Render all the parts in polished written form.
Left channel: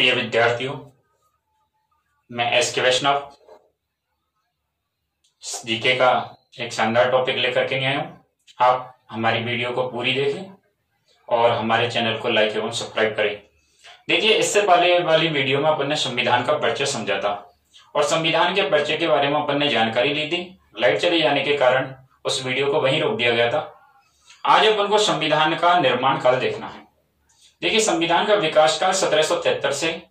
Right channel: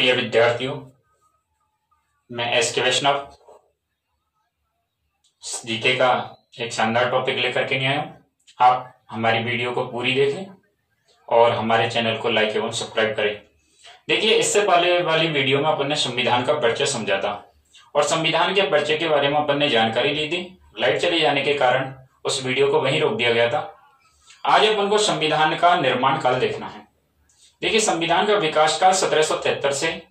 प्रिय विद्यार्थियों, मैं एस.के. वैष्णव जीके का एक शानदार टॉपिक लेकर के आया हूँ। आप हमारी वीडियो को पूरी देखें और हमारे चैनल को लाइक एवं सब्सक्राइब करें। देखिए, इससे पहले वाली वीडियो में अपन ने संविधान का परिचय समझा था और संविधान के परिचय के बारे में अपन ने जानकारी ली थी। लाइट चले जाने के कारण उस वीडियो को वहीं रोक दिया गया था। आज अपन को संविधान का निर्माण काल देखना है। देखिए, संविधान का विकास काल 1773 से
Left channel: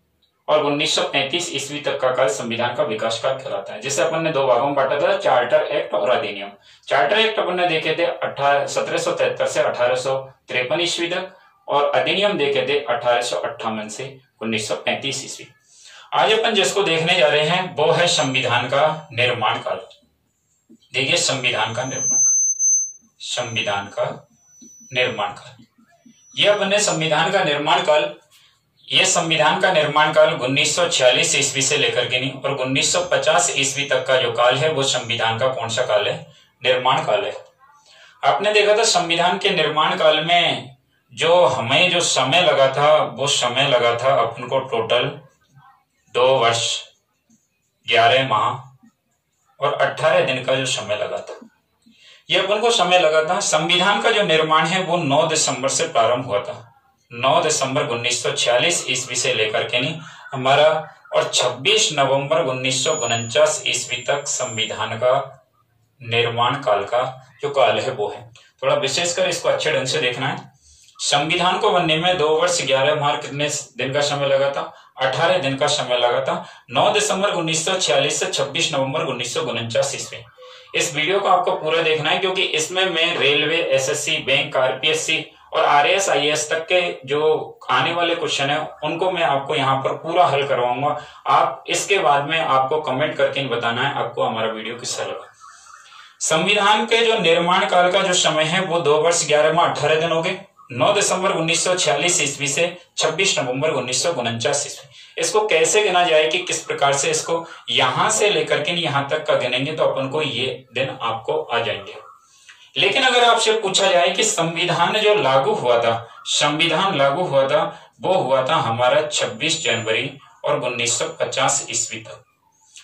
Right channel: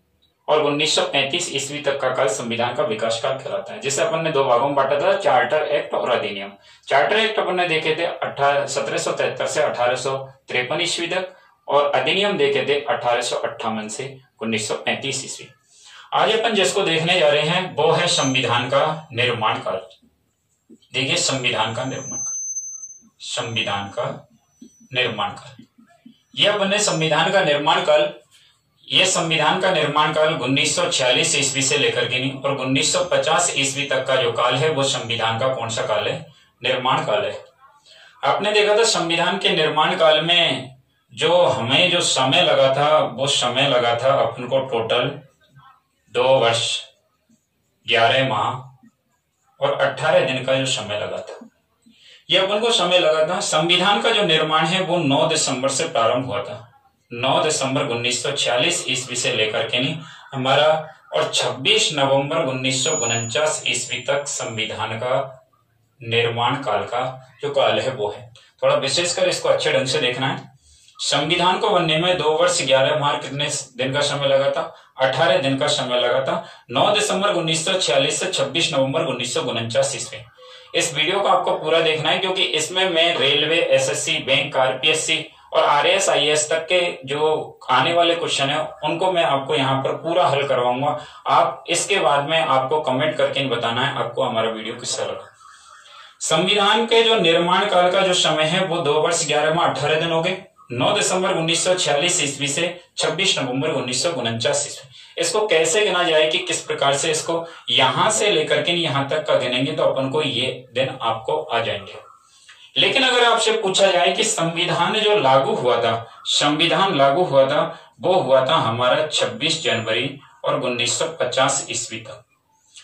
और 1935 ईस्वी तक का काल संविधान का विकास काल कहलाता है, जिसे अपन ने दो भागों में बांटा था, चार्टर एक्ट और अधिनियम। चार्टर एक्ट अपन ने देखे थे 1773 से 1853 ईस्वी तक और अधिनियम देखे थे 1858 से 1935 ईस्वी। आज अपन जिसको देखने जा रहे हैं वो है संविधान का निर्माण काल। देखिए, संविधान का निर्माण काल, संविधान का निर्माण काल, यह अपन ने संविधान का निर्माण काल, ये संविधान का निर्माण काल 1946 ईस्वी से लेकर के नहीं और 1950 ईस्वी तक का जो काल है वो संविधान का कौन सा काल है? निर्माण काल है। आपने देखा था संविधान के निर्माण काल में जो हमें जो समय लगा था वो समय लगा था अपन को टोटल 2 वर्ष 11 माह और 18 दिन का जो समय लगा था, ये अपन को समय लगा था। संविधान का जो निर्माण है वो 9 दिसंबर से प्रारंभ हुआ था, 9 दिसंबर 1946 ईस्वी से लेकर के नहीं हमारा, और 26 नवंबर 1949 ईस्वी तक संविधान का निर्माण काल का जो काल है वो है। थोड़ा विशेषकर इसको अच्छे ढंग से देखना है। संविधान को बनने में 2 वर्ष 11 माह कितने दिन का समय लगा था? 18 दिन का समय लगा था। 9 दिसंबर 1946 से 26 नवंबर 1949 ईस्वी। इस वीडियो को आपको पूरा देखना है क्योंकि इसमें मैं रेलवे, एसएससी, बैंक, आरपीएससी और आरएएस, आईएएस तक के जो आने वाले क्वेश्चन है उनको मैं आपको यहाँ पर पूरा हल करवाऊंगा। आप इसके बाद में आपको कमेंट करके बताना है आपको हमारा वीडियो कैसा लगा। संविधान के जो निर्माण काल का जो समय है वो 2 वर्ष 11 माह 18 दिन हो गए। 9 दिसंबर 1946 ईस्वी से 26 नवंबर 1949 ईस्वी। इसको कैसे गिना जाए कि किस प्रकार से इसको यहां से लेकर के यहाँ तक का गिनेंगे तो अपन को ये दिन आपको आ जाएंगे। लेकिन अगर आपसे पूछा जाए कि संविधान जो लागू हुआ था, संविधान लागू हुआ था वो हुआ था हमारा 26 जनवरी और 1950 ईस्वी तक।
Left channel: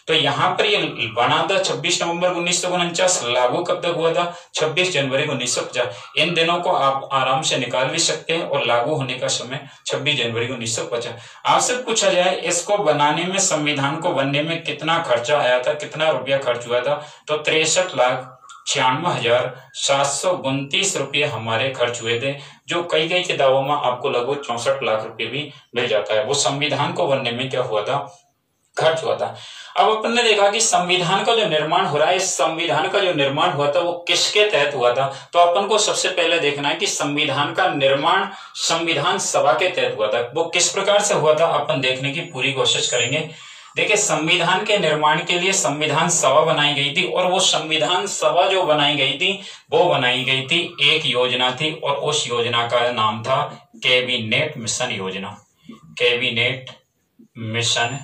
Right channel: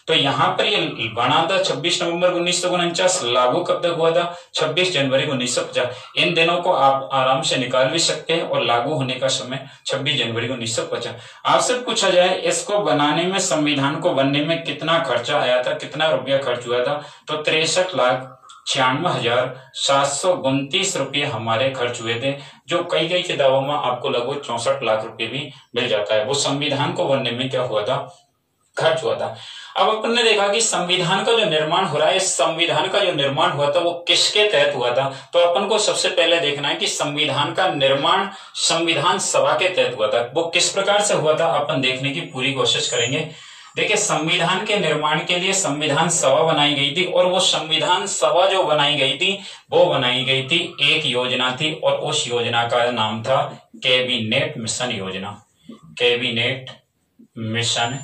तो यहाँ पर ये बना था 26 नवंबर 1949, लागू कब तक हुआ था? 26 जनवरी 1950। इन दिनों को आप आराम से निकाल भी सकते हैं और लागू होने का समय 26 जनवरी 1950। आपसे पूछा जाए इसको बनाने में, संविधान को बनने में कितना खर्चा आया था, कितना रुपया खर्च हुआ था? तो 63,96,729 रुपये हमारे खर्च हुए थे, जो कई किताबों में आपको लगभग 64 लाख रुपए भी मिल जाता है। वो संविधान को बनने में क्या हुआ था? खर्च हुआ था। अब अपन ने देखा कि संविधान का जो निर्माण हो रहा है, इस संविधान का जो निर्माण हुआ था वो किसके तहत हुआ था? तो अपन को सबसे पहले देखना है कि संविधान का निर्माण संविधान सभा के तहत हुआ था। वो किस प्रकार से हुआ था अपन देखने की पूरी कोशिश करेंगे। देखिए, संविधान के निर्माण के लिए संविधान सभा बनाई गई थी और वो संविधान सभा जो बनाई गई थी वो बनाई गई थी, एक योजना थी और उस योजना का नाम था कैबिनेट मिशन योजना। कैबिनेट मिशन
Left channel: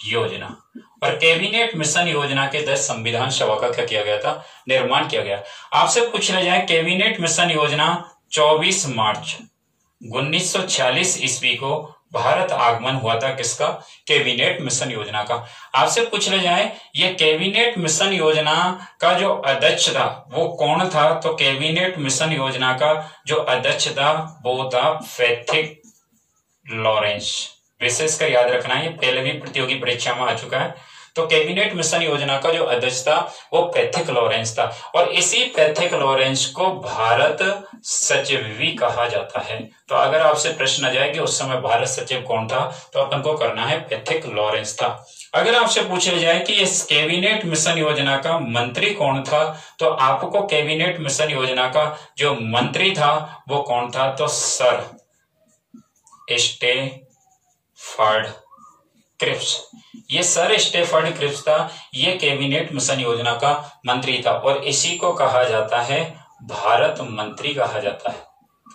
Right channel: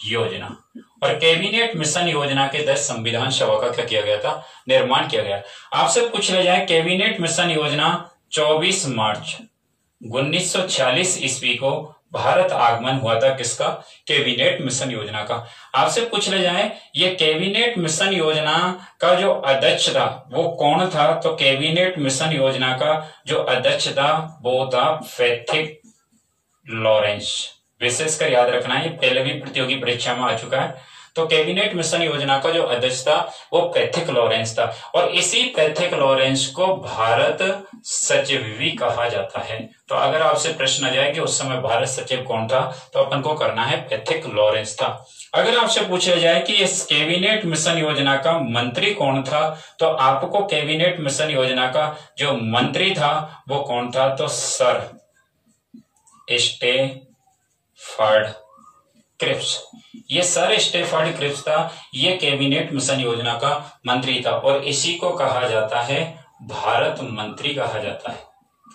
योजना। और कैबिनेट मिशन योजना के तहत संविधान सभा का क्या किया गया था? निर्माण किया गया। आपसे पूछ लिया जाए कैबिनेट मिशन योजना 24 मार्च 1946 ईस्वी को भारत आगमन हुआ था किसका? कैबिनेट मिशन योजना का। आपसे पूछ लिया जाए ये कैबिनेट मिशन योजना का जो अध्यक्ष था वो कौन था? तो कैबिनेट मिशन योजना का जो अध्यक्ष था वो था पैथिक लॉरेंस। विशेषकर याद रखना है, पहले भी प्रतियोगी परीक्षा में आ चुका है। तो कैबिनेट मिशन योजना का जो अध्यक्ष था वो पैथिक लॉरेंस था और इसी पैथिक लॉरेंस को भारत सचिव भी कहा जाता है। तो अगर आपसे प्रश्न आ जाए कि उस समय भारत सचिव कौन था तो अपन को करना है पैथिक लॉरेंस था। अगर आपसे पूछा जाए कि इस कैबिनेट मिशन योजना का मंत्री कौन था तो आपको कैबिनेट मिशन योजना का जो मंत्री था वो कौन था? तो सर स्टेफर्ड क्रिप्स। ये सर स्टेफर्ड क्रिप्स था, ये कैबिनेट मिशन योजना का मंत्री था और इसी को कहा जाता है भारत मंत्री कहा जाता है।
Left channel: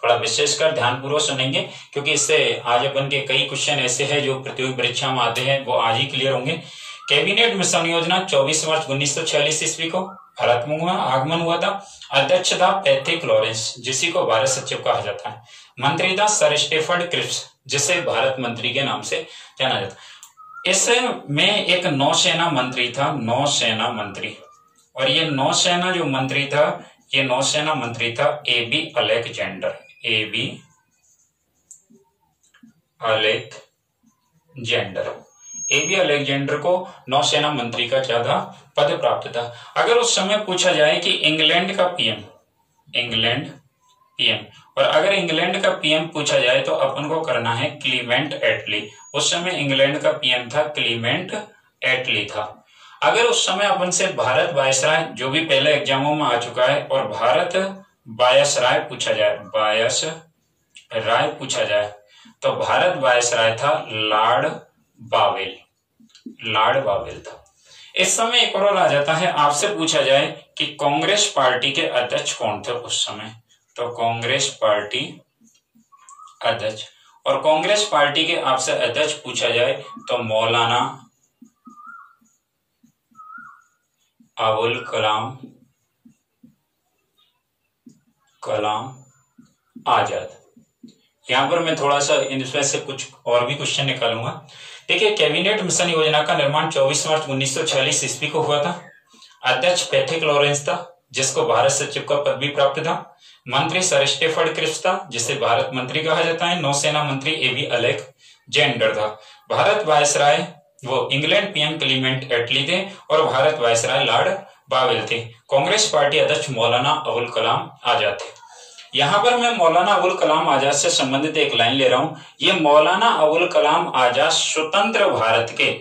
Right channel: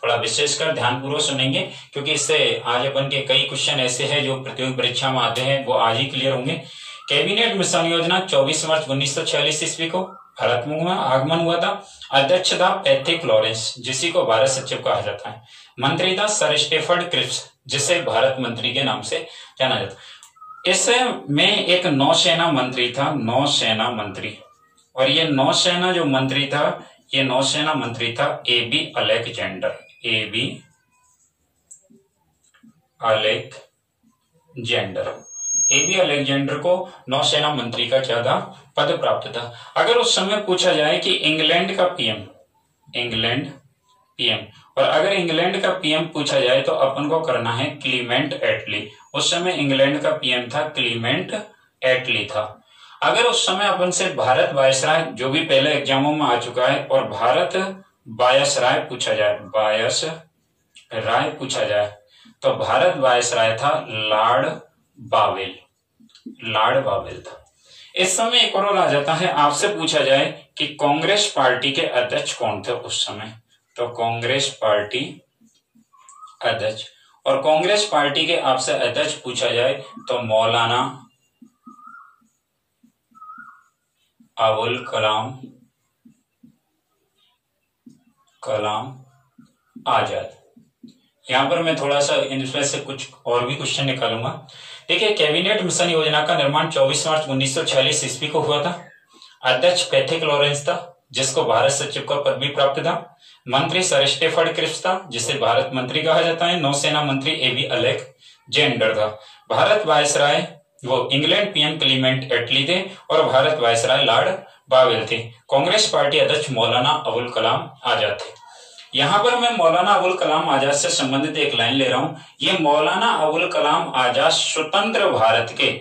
थोड़ा विशेषकर ध्यानपूर्वक सुनेंगे क्योंकि इससे आज अपन के कई क्वेश्चन ऐसे हैं जो प्रतियोगी परीक्षा में आते हैं, वो आज ही क्लियर होंगे। कैबिनेट मिशन योजना 24 मार्च 1946 ईस्वी को भारत में आगमन हुआ था। अध्यक्ष था पैट्रिक लॉरेंस, जिसी को भारत सचिव कहा जाता है। मंत्री था सर स्टेफर्ड क्रिप्स, जिसे भारत मंत्री के नाम से जाना जाता है। इसमें एक नौसेना मंत्री था, नौसेना मंत्री, और ये नौसेना जो मंत्री था, ये नौसेना मंत्री था एबी अलेक्जेंडर। एबी अलेक्जेंडर को नौसेना मंत्री का क्या था, पद प्राप्त था। अगर उस समय पूछा जाए कि इंग्लैंड का पीएम, और अगर इंग्लैंड का पीएम पूछा जाए तो अपन को करना है क्लीमेंट एटली। उस समय इंग्लैंड का पीएम था क्लीमेंट एटली था। अगर उस समय अपन से भारत वायसराय, जो भी पहले एग्जामों में आ चुका है, और भारत वायसराय पूछा जाए, तो भारत वायसराय था लॉर्ड बावेल था। इस समय एक और आ जाता है, आपसे पूछा जाए कि कांग्रेस पार्टी के अध्यक्ष कौन थे उस समय, तो कांग्रेस पार्टी अध्यक्ष, और कांग्रेस पार्टी के आपसे अध्यक्ष पूछा जाए तो मौलाना अबुल कलाम आजाद। यहां पर मैं थोड़ा सा इनमें से कुछ और भी क्वेश्चन निकालूंगा। देखिए, कैबिनेट मिशन योजना का निर्माण 24 मार्च 1946 ईस्वी को हुआ था। अध्यक्ष पैट्रिक लॉरेंस था, जिसको भारत सचिव का पद भी प्राप्त था। मंत्री सर स्टेफर्ड क्रिप्स था, जिसे भारत मंत्री कहा जाता है। नौसेना मंत्री एबी अलेक्जेंडर था। भारत वायसराय वो इंग्लैंड पीएम क्लीमेंट एटली थे, और भारत वायसराय लॉर्ड बावेल थे। कांग्रेस पार्टी अध्यक्ष मौलाना अबुल कलाम आजाद थे। यहां पर मैं मौलाना अबुल कलाम आजाद से संबंधित एक लाइन ले रहा हूं। ये मौलाना अबुल कलाम आजाद स्वतंत्र भारत के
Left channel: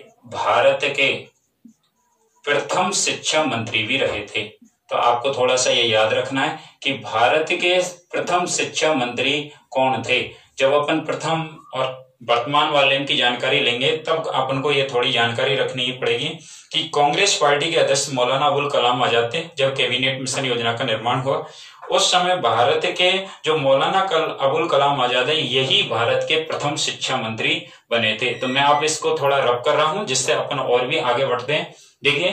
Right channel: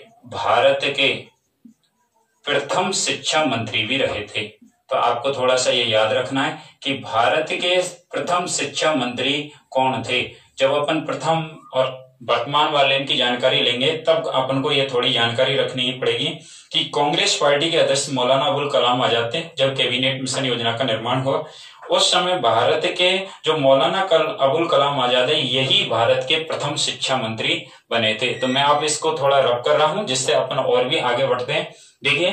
प्रथम शिक्षा मंत्री भी रहे थे। तो आपको थोड़ा सा ये याद रखना है कि भारत के प्रथम शिक्षा मंत्री कौन थे। जब अपन प्रथम और वर्तमान वाले की जानकारी लेंगे, तब अपन को ये थोड़ी जानकारी रखनी ही पड़ेगी कि कांग्रेस पार्टी के अध्यक्ष मौलाना अबुल कलाम आजाद थे। जब कैबिनेट मिशन योजना का निर्माण हुआ, उस समय भारत के जो मौलाना अबुल कलाम आजाद है, यही भारत के प्रथम शिक्षा मंत्री बने थे। तो मैं आप इसको थोड़ा रब कर रहा हूं, जिससे अपन और भी आगे बढ़ते हैं। देखिए,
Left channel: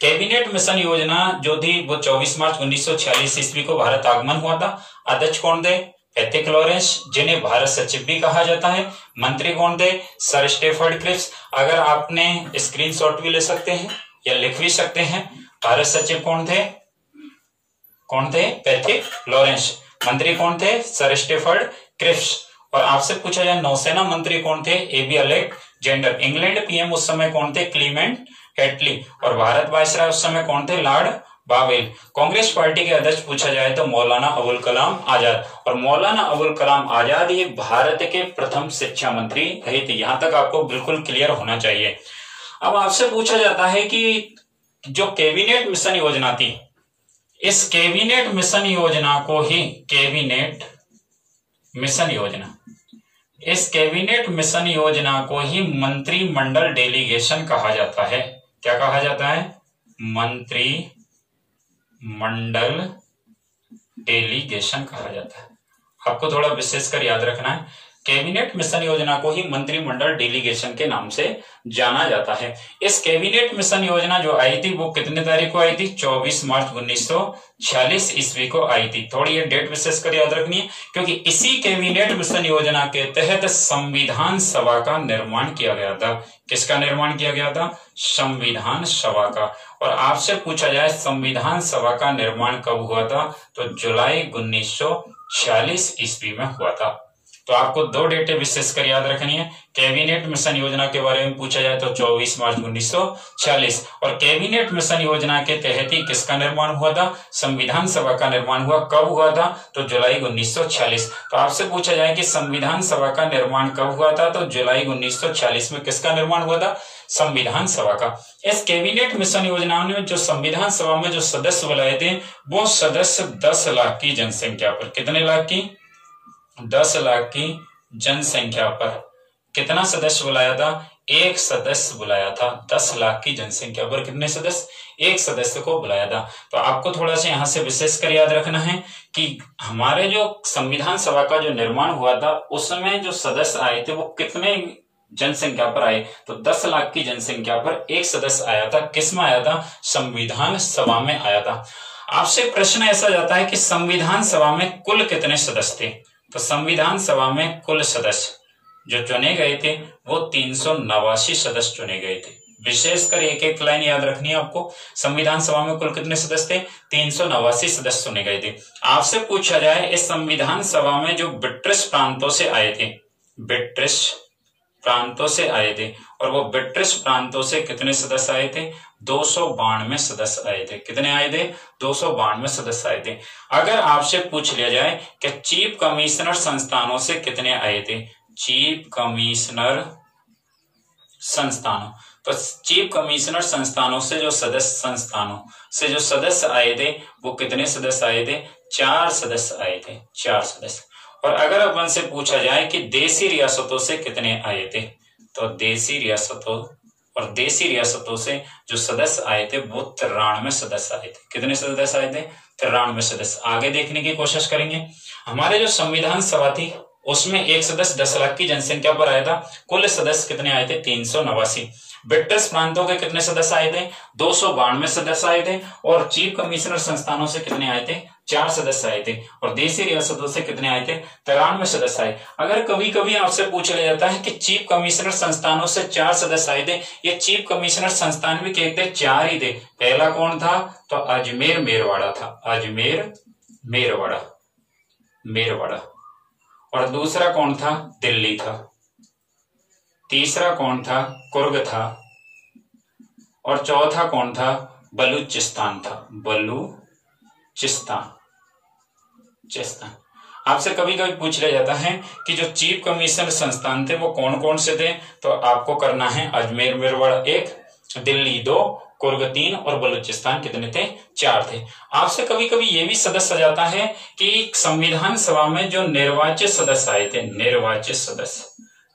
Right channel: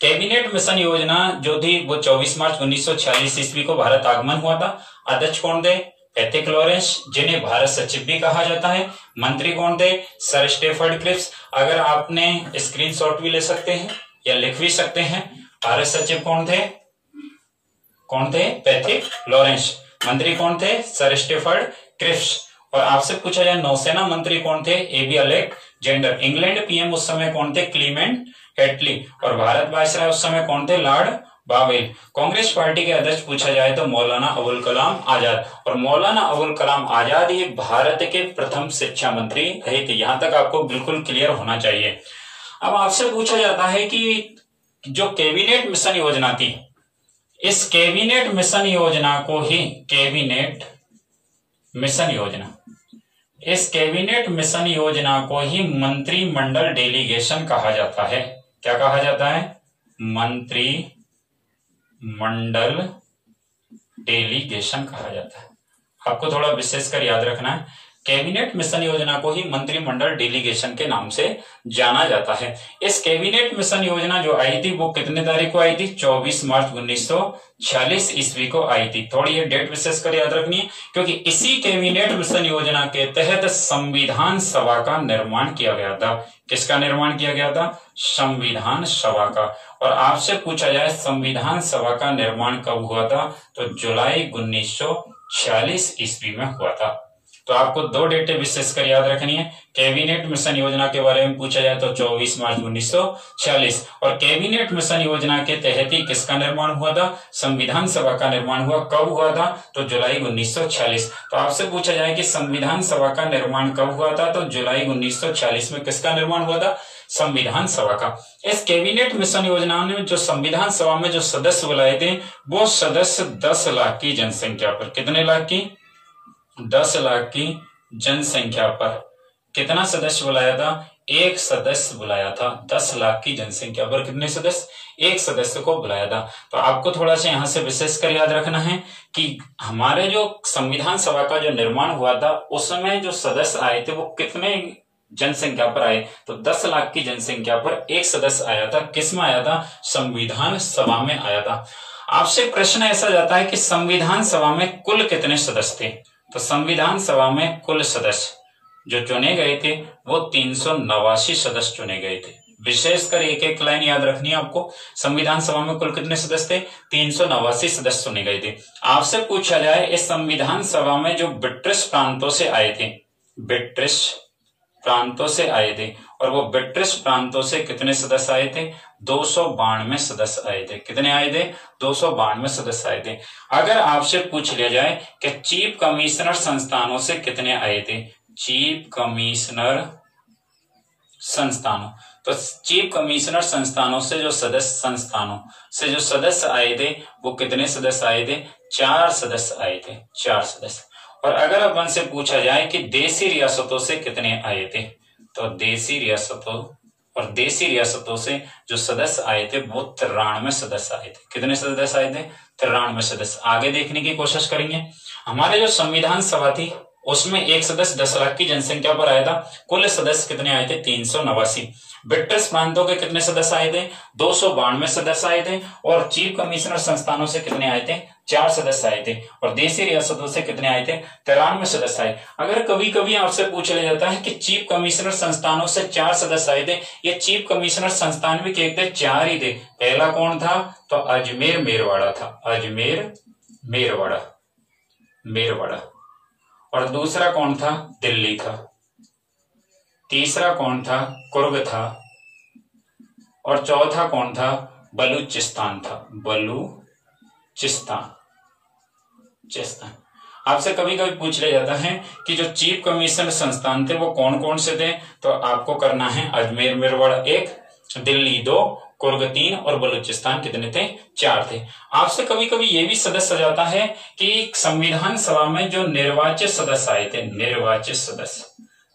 कैबिनेट मिशन योजना जो थी वो 24 मार्च 1946 ईस्वी को भारत आगमन हुआ था। अध्यक्ष कौन थे? पैट्रिक लॉरेंस, जिन्हें भारत सचिव भी कहा जाता है। मंत्री कौन थे? Sir Stafford Cripps. अगर आपने स्क्रीनशॉट भी ले सकते हैं या लिख भी सकते हैं। भारत सचिव कौन थे? Patrick Lawrence. मंत्री कौन थे? Sir Stafford Cripps. और आपसे पूछा जाए नौसेना मंत्री कौन थे? AB Alexander. इंग्लैंड पीएम उस समय कौन थे? क्लीमेंट एटली। और भारत वायसराय उस समय कौन थे? Lord bowel. कांग्रेस पार्टी के अध्यक्ष पूछा जाए तो मौलाना अबुल कलाम आजाद। और मौलाना अबुल कलाम आजाद ये भारत के प्रथम शिक्षा मंत्री रहे थे। यहां तक आपको बिल्कुल क्लियर होना चाहिए। अब आपसे पूछा जाता है कि जो कैबिनेट मिशन योजना थी, इस कैबिनेट मिशन योजना को ही इस कैबिनेट मिशन योजना को ही मंत्रिमंडल डेलीगेशन कहा जाता है। क्या कहा जाता है? मंत्रिमंडल डेलीगेशन कहा जाता है। आपको थोड़ा विशेषकर याद रखना है, कैबिनेट मिशन योजना को ही मंत्रिमंडल डेलीगेशन के नाम से जाना जाता है। इस कैबिनेट मिशन योजना जो आई थी वो कितने तारीख को आई थी? 24 मार्च 1946 ईस्वी को आई थी। थोड़ी ये डेट विशेषकर याद रखनी है, क्योंकि इसी कैबिनेट मिशन योजना के तहत संविधान सभा का निर्माण किया गया था। किसका निर्माण किया गया था? संविधान सभा का। और आपसे पूछा जाए संविधान सभा का निर्माण कब हुआ था, तो जुलाई 1946 ईस्वी में हुआ था। तो आपको दो डेटें विशेषकर याद रखनी है। कैबिनेट मिशन योजना के बारे में पूछा जाए तो 24 मार्च 1946, और कैबिनेट मिशन योजना के तहत ही किसका निर्माण हुआ था? संविधान सभा का निर्माण हुआ। कब हुआ था? तो जुलाई 1946। तो आपसे पूछा जाए कि संविधान सभा का निर्माण कब हुआ था, तो जुलाई 1946 में किसका निर्माण हुआ था? संविधान सभा का। इस कैबिनेट मिशन योजना ने जो संविधान सभा में जो सदस्य बुलाए थे, वो सदस्य 10 लाख की जनसंख्या पर, कितने लाख की? 10 लाख की जनसंख्या पर कितना सदस्य बुलाया था? एक सदस्य बुलाया था। 10 लाख की जनसंख्या पर कितने सदस्य? एक सदस्य को बुलाया था। तो आपको थोड़ा सा यहां से विशेषकर याद रखना है कि हमारे जो संविधान सभा का जो निर्माण हुआ था, उस समय जो सदस्य आए थे वो कितने जनसंख्या पर आए तो 10 लाख की जनसंख्या पर एक सदस्य आया था। किसमें आया था? संविधान सभा में आया था। आपसे प्रश्न ऐसा जाता है कि संविधान सभा में कुल कितने सदस्य थे? तो संविधान सभा में कुल सदस्य जो चुने गए थे वो 389 सदस्य चुने गए थे। विशेषकर एक एक लाइन याद रखनी है आपको। संविधान सभा में कुल कितने सदस्य थे? 389 सदस्य चुने गए थे। आपसे पूछा जाए इस संविधान सभा में जो ब्रिटिश प्रांतों से आए थे, ब्रिटिश प्रांतों से आए थे, और वो ब्रिटिश प्रांतों से कितने सदस्य आए थे? 292 सदस्य आए थे। कितने आए थे? 292 सदस्य आए थे। अगर आपसे पूछ लिया जाए कि चीफ कमिश्नर संस्थानों से कितने आए थे? चीफ कमिश्नर संस्थानों, तो चीफ कमिश्नर संस्थानों से जो सदस्य आए थे वो कितने सदस्य आए थे? 4 सदस्य आए थे, 4 सदस्य। और अगर अपन से पूछा जाए कि देशी रियासतों से कितने आए थे, तो देशी रियासतों से जो सदस्य आए थे वो 93 सदस्य आए थे। कितने सदस्य आए थे? 93 सदस्य। आगे देखने की कोशिश करेंगे। हमारे जो संविधान सभा थी उसमें एक सदस्य 10 लाख की जनसंख्या पर आया था। कुल सदस्य कितने आए थे? 389। ब्रिटिश प्रांतों के कितने सदस्य आए थे? 292 सदस्य आए थे। और चीफ कमिश्नर संस्थानों से कितने आए थे? 4 सदस्य आए थे। और देशी रियासतों से कितने आए थे? 93 सदस्य आए। अगर कभी कभी आपसे पूछ लिया जाता है कि चीफ कमिश्नर संस्थानों से 4 सदस्य आए थे, ये चीफ कमिश्नर संस्थान भी कहते 4 ही थे। पहला कौन था? तो अजमेर मेरवाड़ा था, अजमेर मेरवाड़ा। और दूसरा कौन था? दिल्ली था। तीसरा कौन था? कुर्ग था। और चौथा कौन था? बलूचिस्तान था, बलूचिस्तान। आपसे कभी कभी पूछ लिया जाता है कि जो चीफ कमिश्नर संस्थान थे वो कौन कौन से थे, तो आपको करना है अजमेर मेरवाड़ा 1, दिल्ली 2, कुर्ग 3 और बलूचिस्तान कितने थे? 4 थे। आपसे कभी कभी ये भी सदस्य जाता है कि संविधान सभा में जो निर्वाचित सदस्य आए थे,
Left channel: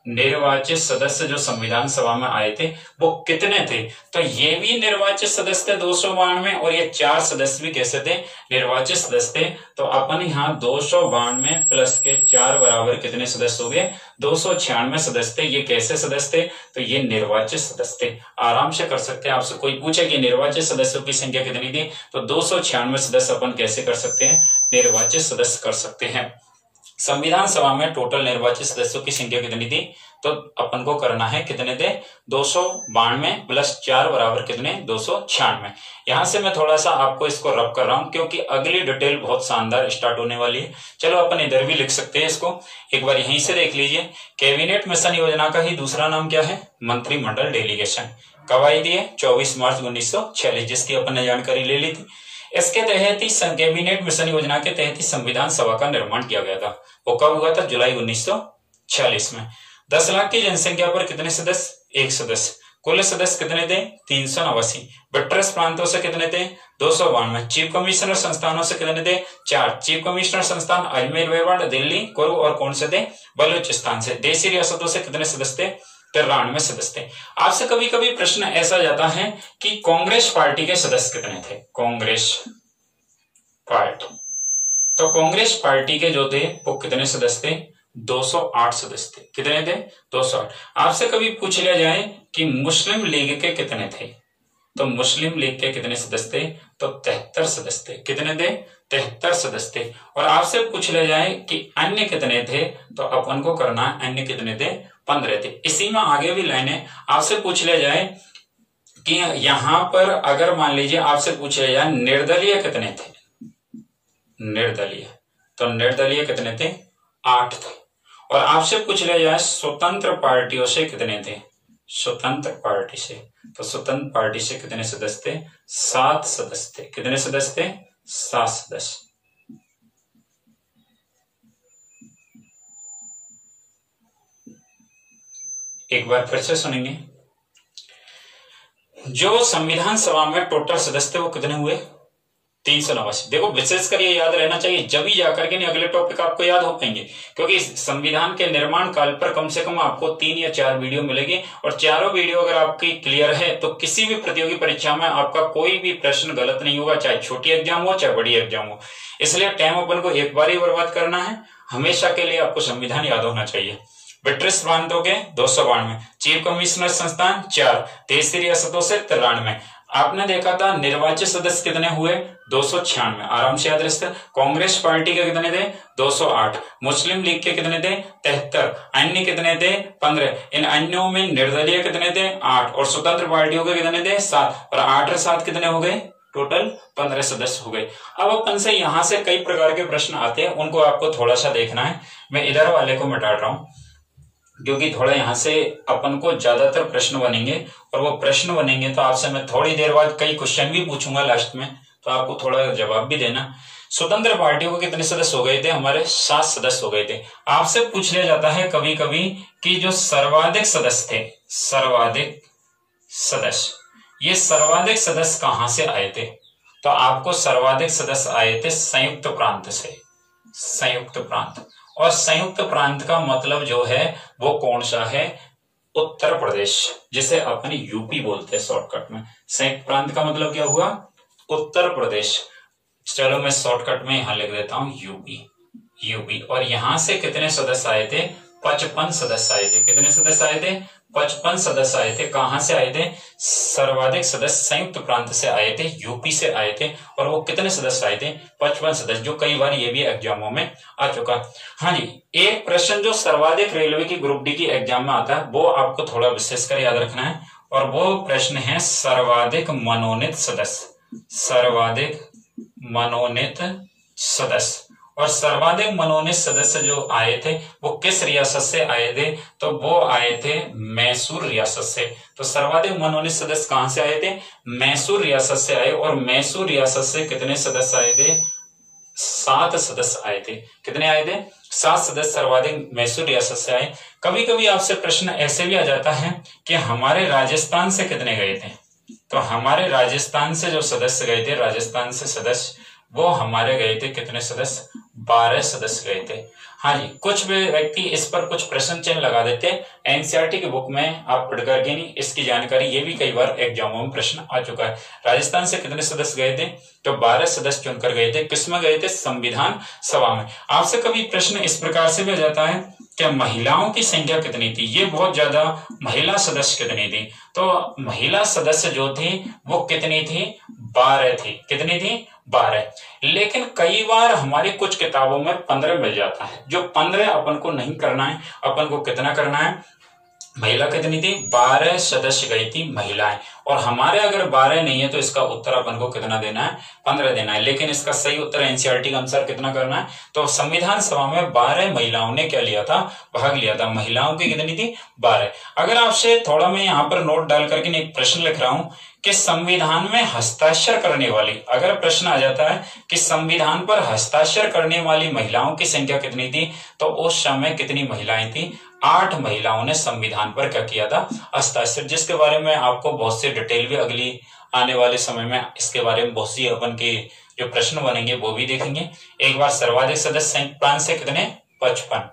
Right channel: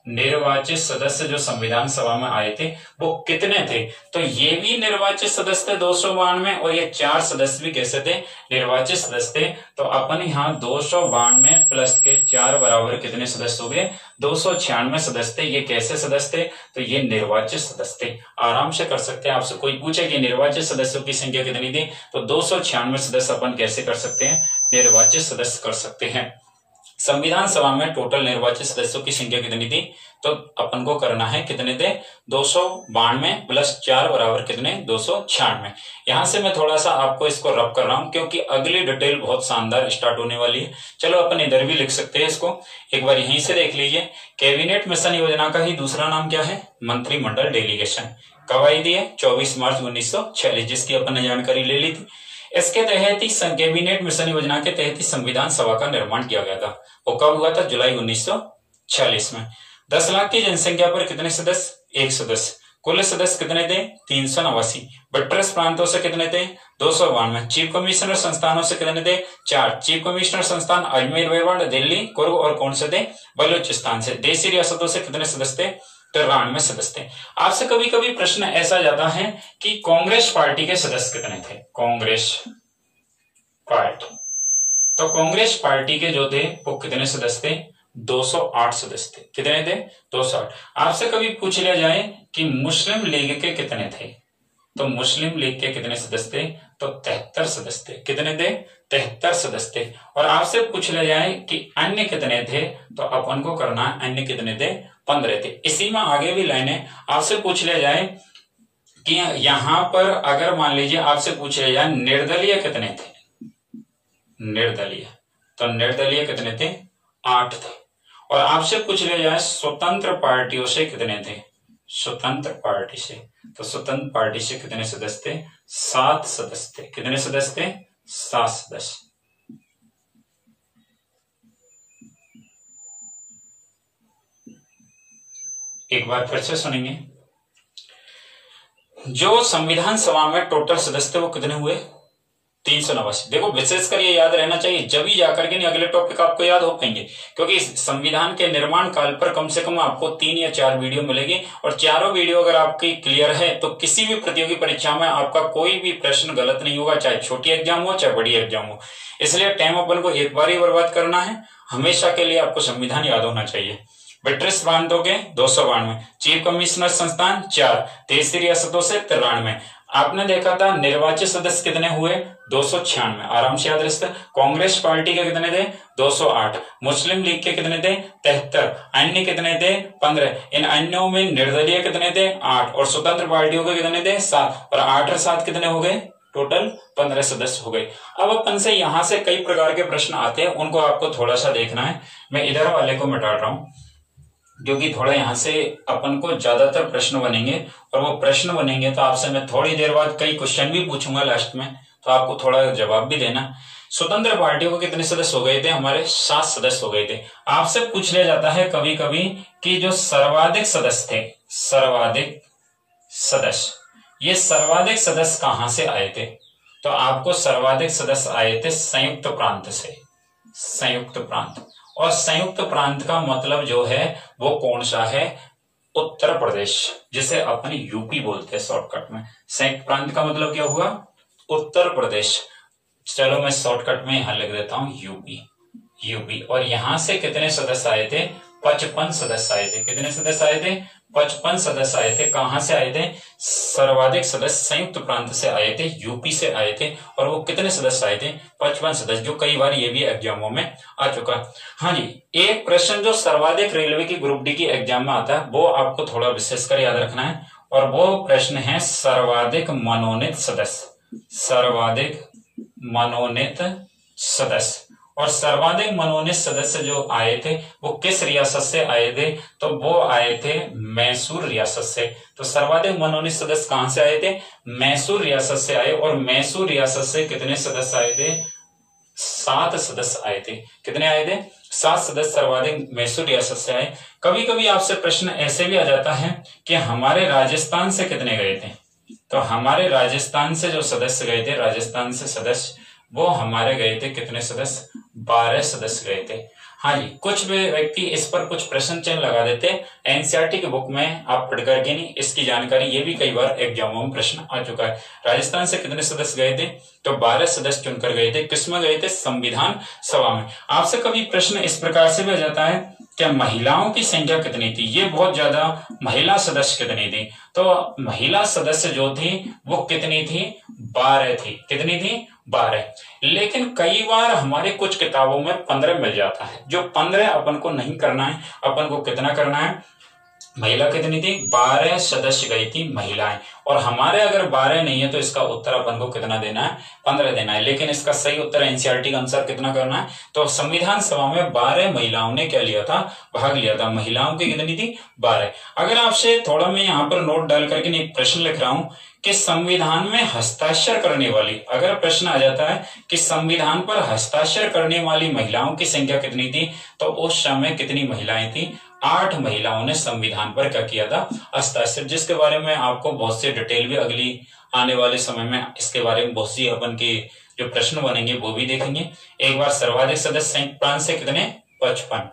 निर्वाचित सदस्य जो संविधान सभा में आए थे वो कितने थे? तो ये भी निर्वाचित सदस्य थे 292, और ये 4 सदस्य भी कैसे थे? निर्वाचित सदस्य थे। तो अपन यहाँ 292 प्लस के 4 बराबर कितने सदस्य हो गए? 296 सदस्य थे। ये कैसे सदस्य थे? तो ये निर्वाचित सदस्य थे। आराम से कर सकते हैं। आपसे कोई पूछे कि निर्वाचित सदस्यों की संख्या कितनी थी, तो 296 सदस्य अपन कैसे कर सकते हैं? निर्वाचित सदस्य कर सकते हैं। संविधान सभा में टोटल निर्वाचित सदस्यों की संख्या कितनी थी? तो अपन को करना है कितने थे? 292 प्लस 4 बराबर कितने? 296। यहां से मैं थोड़ा सा आपको इसको रब कर रहा हूं क्योंकि अगली डिटेल बहुत शानदार स्टार्ट होने वाली है। चलो अपन इधर भी लिख सकते हैं इसको, एक बार यहीं से देख लीजिए। कैबिनेट मिशन योजना का ही दूसरा नाम क्या है? मंत्रिमंडल डेलीगेशन। कब आई थी? 24 मार्च 1946, जिसकी अपन ने जानकारी ले ली थी। इसके तहत ही कैबिनेट मिशन योजना के तहत ही संविधान सभा का निर्माण किया गया था। वो कब हुआ था? जुलाई 1946 में। 10 लाख की जनसंख्या पर कितने सदस्य? 1 सदस्य। कुल सदस्य कितने थे? 389। ब्रिटिश प्रांतों से कितने थे? 292। चीफ कमिश्नर संस्थानों से कितने थे? 4। चीफ कमिश्नर संस्थान अजमेर मेरवाड़, दिल्ली, कुर्ग और कौन से थे? बलूचिस्तान से। देशी रियासतों से कितने सदस्य थे? 93 सदस्य थे। आपसे कभी कभी प्रश्न ऐसा जाता है कि कांग्रेस पार्टी के सदस्य कितने थे? कांग्रेस पार्टी, तो कांग्रेस पार्टी के जो थे वो कितने सदस्य थे? 208 सदस्य थे। कितने थे? 208। आपसे कभी पूछ लिया जाए कि मुस्लिम लीग के कितने थे, तो मुस्लिम लीग के कितने सदस्य थे? तो 73 सदस्य थे। कितने थे? 73 सदस्य थे। और आपसे पूछ लिया जाए कि अन्य कितने थे, तो अपन को करना है अन्य कितने थे? 15 थे। इसी में आगे भी लाइन है। आपसे पूछ लिया जाए कि यहां पर अगर मान लीजिए आपसे पूछ लिया जाए निर्दलीय कितने थे? निर्दलीय, तो निर्दलीय कितने थे? 8 थे। और आपसे पूछ लिया जाए स्वतंत्र पार्टियों से कितने थे? स्वतंत्र पार्टी से, तो स्वतंत्र पार्टी से कितने सदस्य थे? 7 सदस्य थे। कितने सदस्य थे? 7 सदस्य। एक बार फिर से सुनेंगे। जो संविधान सभा में टोटल सदस्य थे वो कितने हुए? 389। देखो विशेषकर ये याद रहना चाहिए, जब ही जाकर के नहीं अगले टॉपिक आपको याद हो पाएंगे, क्योंकि संविधान के निर्माण काल पर कम से कम आपको 3 या 4 वीडियो मिलेंगे, और चारों वीडियो अगर आपकी क्लियर है तो किसी भी प्रतियोगी परीक्षा में आपका कोई भी प्रश्न गलत नहीं होगा, चाहे छोटी एग्जाम हो चाहे बड़ी एग्जाम हो। इसलिए टाइम अपन को एक बार ही बर्बाद करना है, हमेशा के लिए आपको संविधान याद होना चाहिए। ब्रिटिश प्रांतों के 292, चीफ कमिश्नर संस्थान 4, 23 रियासतों से 93। आपने देखा था निर्वाचित सदस्य कितने हुए, 296, आराम से याद रखते। कांग्रेस पार्टी के कितने थे, 208, मुस्लिम लीग के कितने थे, 73, अन्य कितने थे, 15। इन अन्यों में निर्दलीय कितने थे, 8, और स्वतंत्र पार्टियों के कितने थे, 7, और 8 और 7 कितने हो गए, टोटल 15 सदस्य हो गए। अब अपन से यहां से कई प्रकार के प्रश्न आते हैं, उनको आपको थोड़ा सा देखना है। मैं इधर वाले को मिटा रहा हूं क्योंकि थोड़ा यहां से अपन को ज्यादातर प्रश्न बनेंगे, और वो प्रश्न बनेंगे तो आपसे मैं थोड़ी देर बाद कई क्वेश्चन भी पूछूंगा लास्ट में, तो आपको थोड़ा जवाब भी देना। स्वतंत्र पार्टियों को कितने सदस्य हो गए थे, हमारे 7 सदस्य हो गए थे। आपसे पूछ लिया जाता है कभी कभी कि जो सर्वाधिक सदस्य थे, सर्वाधिक सदस्य, ये सर्वाधिक सदस्य कहां से आए थे, तो आपको सर्वाधिक सदस्य आए थे संयुक्त प्रांत से, संयुक्त प्रांत। और संयुक्त प्रांत का मतलब जो है वो कौन सा है, उत्तर प्रदेश, जिसे अपन यूपी बोलते हैं शॉर्टकट में। संयुक्त प्रांत का मतलब क्या हुआ, उत्तर प्रदेश। चलो मैं शॉर्टकट में यहां लिख देता हूं यूपी, यूपी। और यहां से कितने सदस्य आए थे, 55 सदस्य आए थे। कितने सदस्य आए थे, 55 सदस्य आए थे। कहां से आए थे, सर्वाधिक सदस्य संयुक्त प्रांत से आए थे, यूपी से आए थे। और वो कितने सदस्य आए थे, 55 सदस्य, जो कई बार ये भी एग्जामों में आ चुका। हाँ जी, एक प्रश्न जो सर्वाधिक रेलवे की ग्रुप डी की एग्जाम में आता है वो आपको थोड़ा विशेषकर याद रखना है, और वो प्रश्न है सर्वाधिक मनोनीत सदस्य, सर्वाधिक मनोनीत सदस्य। और सर्वाधिक मनोनीत सदस्य जो आए थे वो किस रियासत से आए थे, तो वो आए थे मैसूर रियासत से। तो सर्वाधिक मनोनीत सदस्य कहां से आए थे, मैसूर रियासत से आए। और मैसूर रियासत से कितने सदस्य आए थे, 7 सदस्य आए थे। कितने आए थे, 7 सदस्य सर्वाधिक मैसूर रियासत से आए। कभी कभी आपसे प्रश्न ऐसे भी आ जाता है कि हमारे राजस्थान से कितने गए थे, तो हमारे राजस्थान से जो सदस्य गए थे, राजस्थान से सदस्य वो हमारे गए थे कितने सदस्य, 12 सदस्य गए थे। हाँ जी, कुछ व्यक्ति इस पर कुछ प्रश्न चिन्ह लगा देते। एनसीईआरटी की बुक में आप पढ़ करके नहीं, इसकी जानकारी ये भी कई बार एग्जामों में प्रश्न आ चुका है। राजस्थान से कितने सदस्य गए थे, तो 12 सदस्य चुनकर गए थे। किसमें गए थे, संविधान सभा में। आपसे कभी प्रश्न इस प्रकार से भी आ जाता है क्या महिलाओं की संख्या कितनी थी, ये बहुत ज्यादा, महिला सदस्य कितनी थी, तो महिला सदस्य जो थी वो कितनी थी, 12 थी। कितनी थी, 12। लेकिन कई बार हमारी कुछ किताबों में 15 मिल जाता है, जो 15 अपन को नहीं करना है। अपन को कितना करना है, महिला कितनी थी, 12 सदस्य गई थी महिलाएं। और हमारे अगर 12 नहीं है तो इसका उत्तर अपन को कितना देना है, 15 देना है। लेकिन इसका सही उत्तर एनसीईआरटी के अनुसार कितना करना है, तो संविधान सभा में 12 महिलाओं ने क्या लिया था, भाग लिया था। महिलाओं की कितनी थी, 12। अगर आपसे थोड़ा मैं यहाँ पर नोट डाल करके एक प्रश्न लिख रहा हूं कि संविधान में हस्ताक्षर करने वाली, अगर प्रश्न आ जाता है कि संविधान पर हस्ताक्षर करने वाली महिलाओं की संख्या कितनी थी, तो उस समय कितनी महिलाएं थी, 8 महिलाओं ने संविधान पर क्या किया था, हस्ताक्षर। जिसके बारे में आपको बहुत से डिटेल भी अगली आने वाले समय में इसके बारे में बहुत सी अपन के जो प्रश्न बनेंगे वो भी देखेंगे। एक बार सर्वाधिक सदस्य संयुक्त प्रांत से कितने, 55।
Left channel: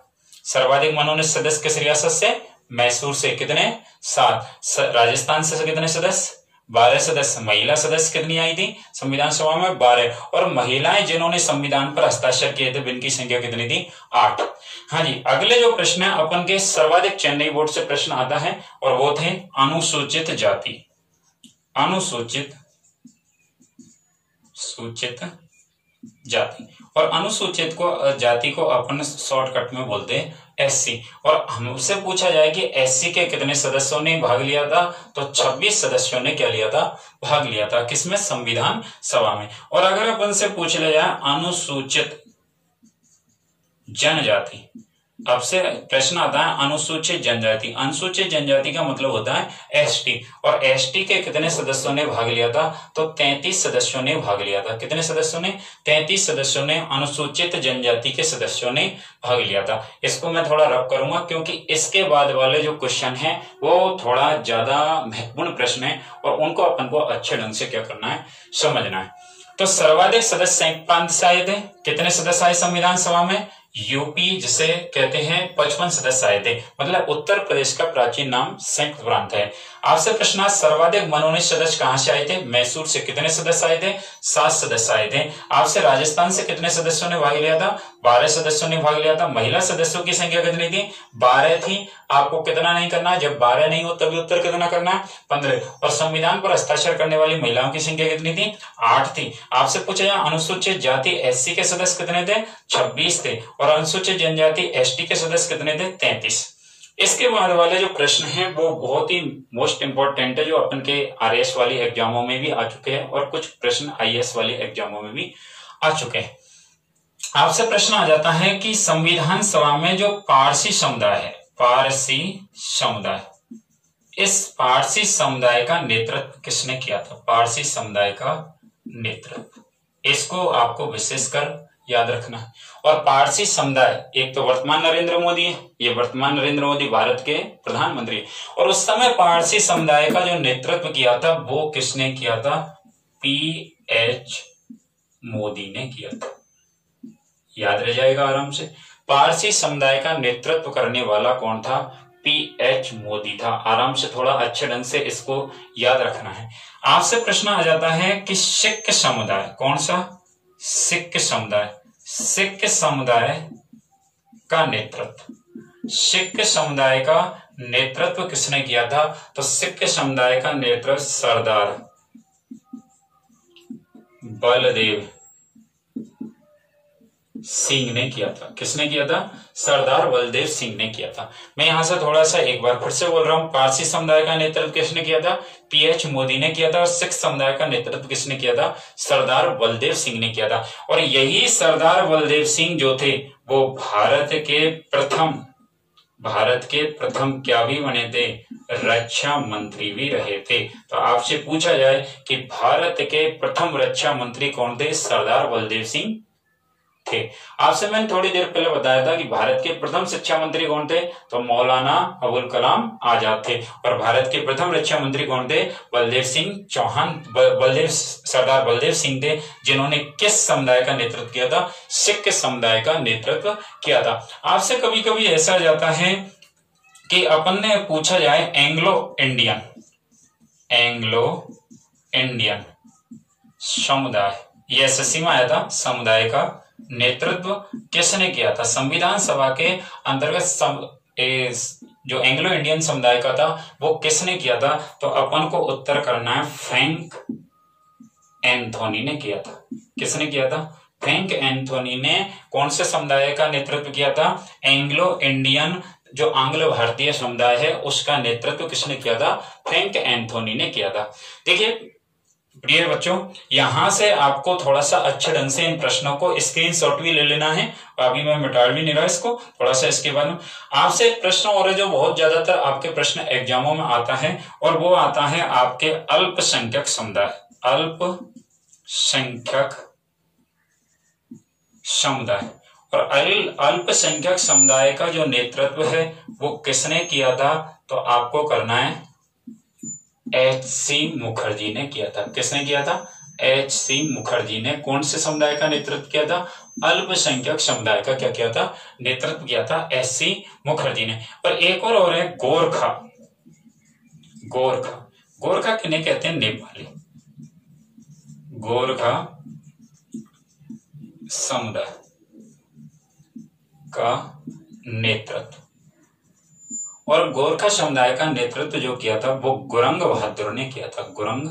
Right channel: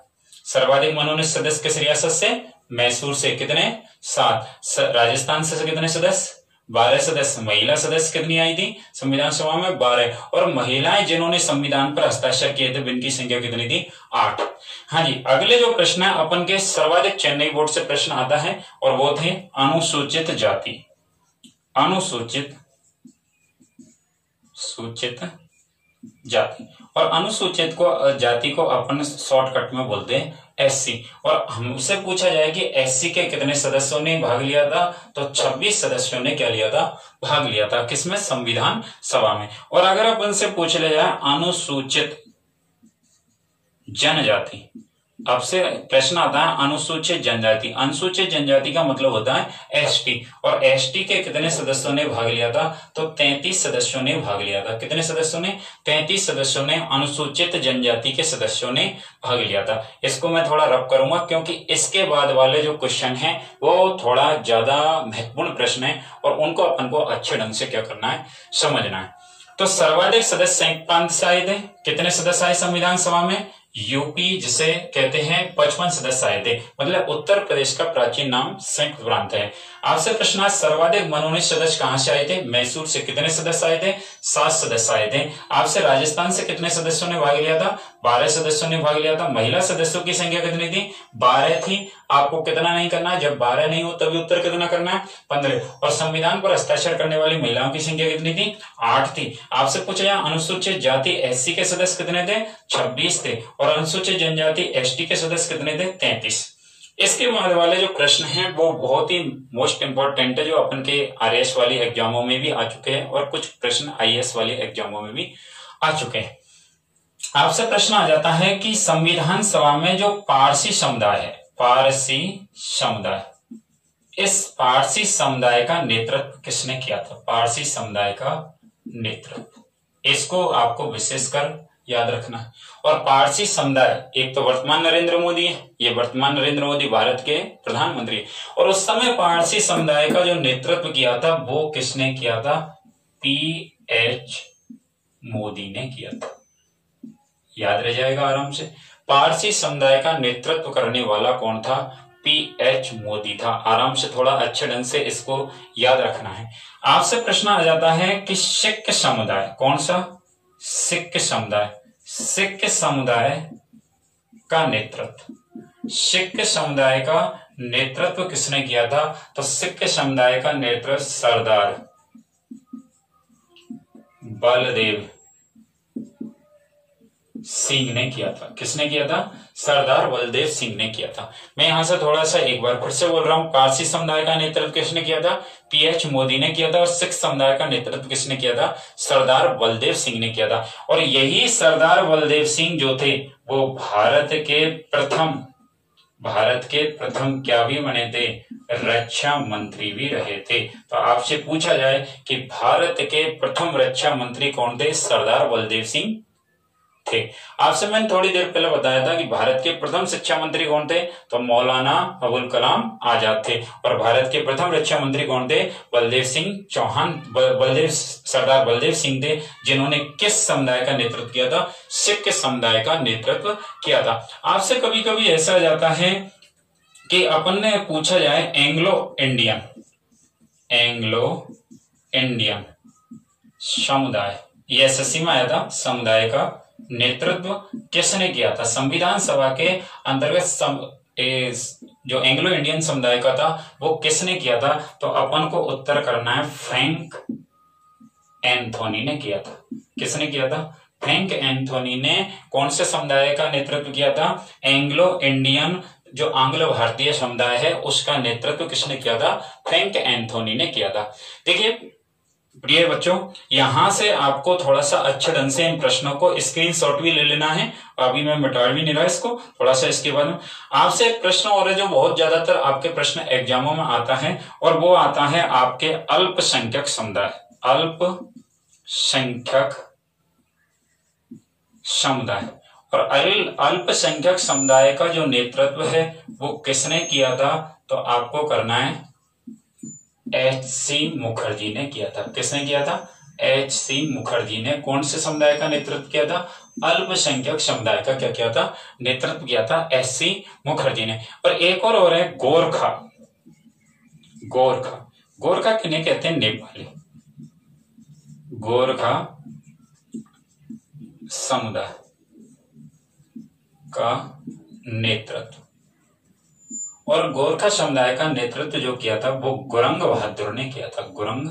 सर्वाधिक मनोनीत सदस्य किस रियासत से, मैसूर से, कितने, 7। राजस्थान से कितने सदस्य, 12 सदस्य। महिला सदस्य कितनी आई थी संविधान सभा में, 12। और महिलाएं जिन्होंने संविधान पर हस्ताक्षर किए थे इनकी संख्या कितनी थी, 8। हाँ जी, अगले जो प्रश्न है अपन के सर्वाधिक चेन्नई बोर्ड से प्रश्न आता है, और वो थे अनुसूचित जाति, अनुसूचित जाति। और अनुसूचित को जाति को अपन शॉर्टकट में बोलते हैं एससी। और हमसे पूछा जाए कि एससी के कितने सदस्यों ने भाग लिया था, तो 26 सदस्यों ने क्या लिया था, भाग लिया था। किसमें, संविधान सभा में। और अगर अपन से पूछ लिया जाए अनुसूचित जनजाति, अब से प्रश्न आता है अनुसूचित जनजाति। अनुसूचित जनजाति का मतलब होता है एसटी। और एसटी के कितने सदस्यों ने भाग लिया था, तो 33 सदस्यों ने भाग लिया था। कितने सदस्यों ने, 33 सदस्यों ने, अनुसूचित जनजाति के सदस्यों ने भाग लिया था। इसको मैं थोड़ा रब करूंगा क्योंकि इसके बाद वाले जो क्वेश्चन है वो थोड़ा ज्यादा महत्वपूर्ण प्रश्न है, और उनको अपन को अच्छे ढंग से क्या करना है, समझना है। तो सर्वाधिक सदस्य संयुक्त प्रांत से आए थे। कितने सदस्य आए संविधान सभा में, यूपी जिसे कहते हैं 55 सदस्य आए थे। मतलब उत्तर प्रदेश का प्राचीन नाम संयुक्त प्रांत है। आपसे प्रश्न, सर्वाधिक मनोनीत सदस्य कहां से आए थे, मैसूर से। कितने सदस्य आए थे, 7 सदस्य आए थे। आपसे राजस्थान से कितने सदस्यों ने भाग लिया था, 12 सदस्यों ने भाग लिया था। महिला सदस्यों की संख्या कितनी थी? 12 थी। आपको कितना नहीं करना, जब 12 नहीं हो तभी उत्तर कितना करना है? 15। और संविधान पर हस्ताक्षर करने वाली महिलाओं की संख्या कितनी थी? 8 थी। आपसे पूछा जाए अनुसूचित जाति एससी के सदस्य कितने थे? 26 थे। और अनुसूचित जनजाति एसटी के सदस्य कितने थे? 33। इसके बाद वाले जो प्रश्न हैं वो बहुत ही मोस्ट इंपॉर्टेंट है, जो अपन के आरएएस वाली एग्जामों में भी आ चुके हैं और कुछ प्रश्न आईएएस वाली एग्जामों में भी आ चुके हैं। आपसे प्रश्न आ जाता है कि संविधान सभा में जो पारसी समुदाय है, पारसी समुदाय, इस पारसी समुदाय का नेतृत्व किसने किया था? पारसी समुदाय का नेतृत्व, इसको आपको विशेषकर याद रखना है। और पारसी समुदाय, एक तो वर्तमान नरेंद्र मोदी है, ये वर्तमान नरेंद्र मोदी भारत के प्रधानमंत्री है, और उस समय पारसी समुदाय का जो नेतृत्व किया था वो किसने किया था? पीएच मोदी ने किया था। याद रह जाएगा आराम से। पारसी समुदाय का नेतृत्व करने वाला कौन था? पीएच मोदी था। आराम से थोड़ा अच्छे ढंग से इसको याद रखना है। आपसे प्रश्न आ जाता है कि सिख समुदाय, कौन सा? सिख समुदाय, सिख समुदाय का नेतृत्व, सिख समुदाय का नेतृत्व किसने किया था? तो सिख समुदाय का नेतृत्व सरदार बलदेव सिंह ने किया था। किसने किया था? सरदार बलदेव सिंह ने किया था। मैं यहां से थोड़ा सा एक बार फिर से बोल रहा हूं, पारसी समुदाय का नेतृत्व किसने किया था? पीएच मोदी ने किया था। और सिख समुदाय का नेतृत्व किसने किया था? सरदार बलदेव सिंह ने किया था। और यही सरदार बलदेव सिंह जो थे वो भारत के प्रथम क्या भी बने थे? रक्षा मंत्री भी रहे थे। तो आपसे पूछा जाए कि भारत के प्रथम रक्षा मंत्री कौन थे? सरदार बलदेव सिंह थे। आपसे मैंने थोड़ी देर पहले बताया था कि भारत के प्रथम शिक्षा मंत्री कौन थे? तो मौलाना अबुल कलाम आजाद थे। और भारत के प्रथम रक्षा मंत्री कौन थे? बलदेव सिंह चौहान, सरदार बलदेव सिंह थे, जिन्होंने किस समुदाय का नेतृत्व किया था? सिख समुदाय का नेतृत्व किया था। आपसे कभी कभी ऐसा जाता है कि अपन ने पूछा जाए एंग्लो इंडियन समुदाय, ये एसएससी में आया था, समुदाय का नेतृत्व किसने किया था? संविधान सभा के अंतर्गत जो एंग्लो इंडियन समुदाय का था वो किसने किया था? तो अपन को उत्तर करना है फ्रैंक एंथोनी ने किया था। किसने किया था? फ्रैंक एंथोनी ने कौन से समुदाय का नेतृत्व किया था? एंग्लो इंडियन, जो आंग्ल भारतीय समुदाय है उसका नेतृत्व किसने किया था? फ्रैंक एंथोनी ने किया था। देखिए प्रिय बच्चों, यहां से आपको थोड़ा सा अच्छे ढंग से इन प्रश्नों को स्क्रीनशॉट भी ले लेना है। अभी मैं मिटा भी नहीं रहा इसको, थोड़ा सा इसके बाद में आपसे एक प्रश्न और है जो बहुत ज्यादातर आपके प्रश्न एग्जामों में आता है, और वो आता है आपके अल्पसंख्यक समुदाय। अल्पसंख्यक समुदाय, और अल्पसंख्यक समुदाय का जो नेतृत्व है वो किसने किया था? तो आपको करना है एच.सी. मुखर्जी ने किया था। किसने किया था? एच.सी. मुखर्जी ने कौन से समुदाय का नेतृत्व किया था? अल्पसंख्यक समुदाय का क्या किया था? नेतृत्व किया था एच.सी. मुखर्जी ने। और एक और है गोरखा। गोरखा किन्हें कहते हैं? नेपाली। गोरखा समुदाय का नेतृत्व, और गोरखा समुदाय का नेतृत्व जो किया था वो गुरंग बहादुर ने किया था। गुरंग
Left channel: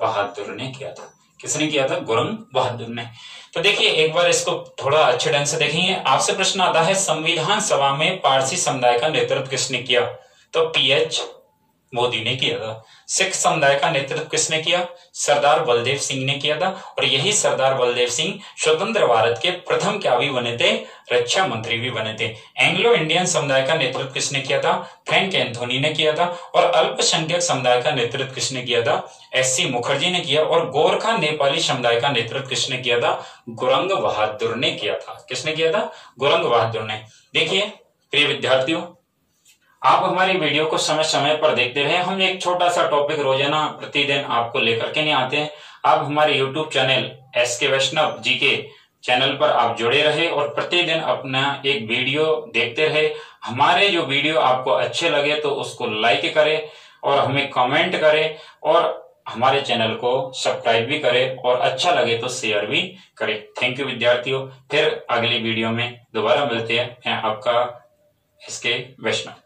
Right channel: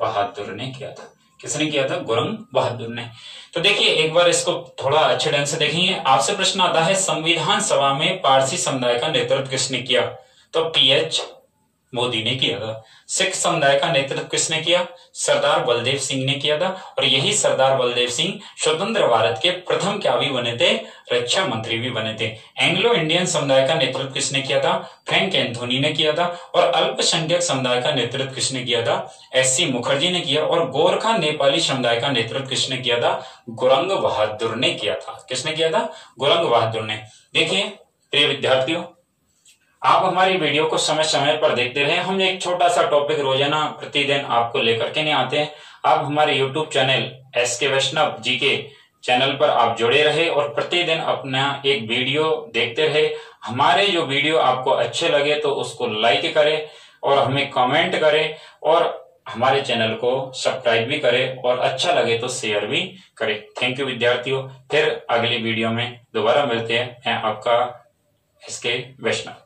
बहादुर ने किया था। किसने किया था? गुरंग बहादुर ने। तो देखिए एक बार इसको थोड़ा अच्छे ढंग से देखेंगे। आपसे प्रश्न आता है संविधान सभा में पारसी समुदाय का नेतृत्व किसने किया? तो पीएच मोदी ने किया था। सिख समुदाय का नेतृत्व किसने किया? सरदार बलदेव सिंह ने किया था। और यही सरदार बलदेव सिंह स्वतंत्र भारत के प्रथम क्या भी बने थे? रक्षा मंत्री भी बने थे। एंग्लो इंडियन समुदाय का नेतृत्व किसने किया था? फ्रैंक एंथोनी ने किया था। और अल्पसंख्यक समुदाय का नेतृत्व किसने किया था? एच.सी. मुखर्जी ने किया। और गोरखा नेपाली समुदाय का नेतृत्व किसने किया था? गुरंग बहादुर ने किया था। किसने किया था? गुरंग बहादुर ने। देखिए प्रिय विद्यार्थियों, आप हमारी वीडियो को समय समय पर देखते रहे। हम एक छोटा सा टॉपिक रोजाना प्रतिदिन आपको लेकर के नहीं आते हैं। आप हमारे YouTube चैनल एसके वैष्णव जी के चैनल पर आप जुड़े रहे और प्रतिदिन अपना एक वीडियो देखते रहे। हमारे जो वीडियो आपको अच्छे लगे तो उसको लाइक करें और हमें कमेंट करें, और हमारे चैनल को सब्सक्राइब भी करें और अच्छा लगे तो शेयर भी करें। थैंक यू विद्यार्थियों। फिर अगली वीडियो में दोबारा मिलते हैं। मैं आपका SK वैष्णव।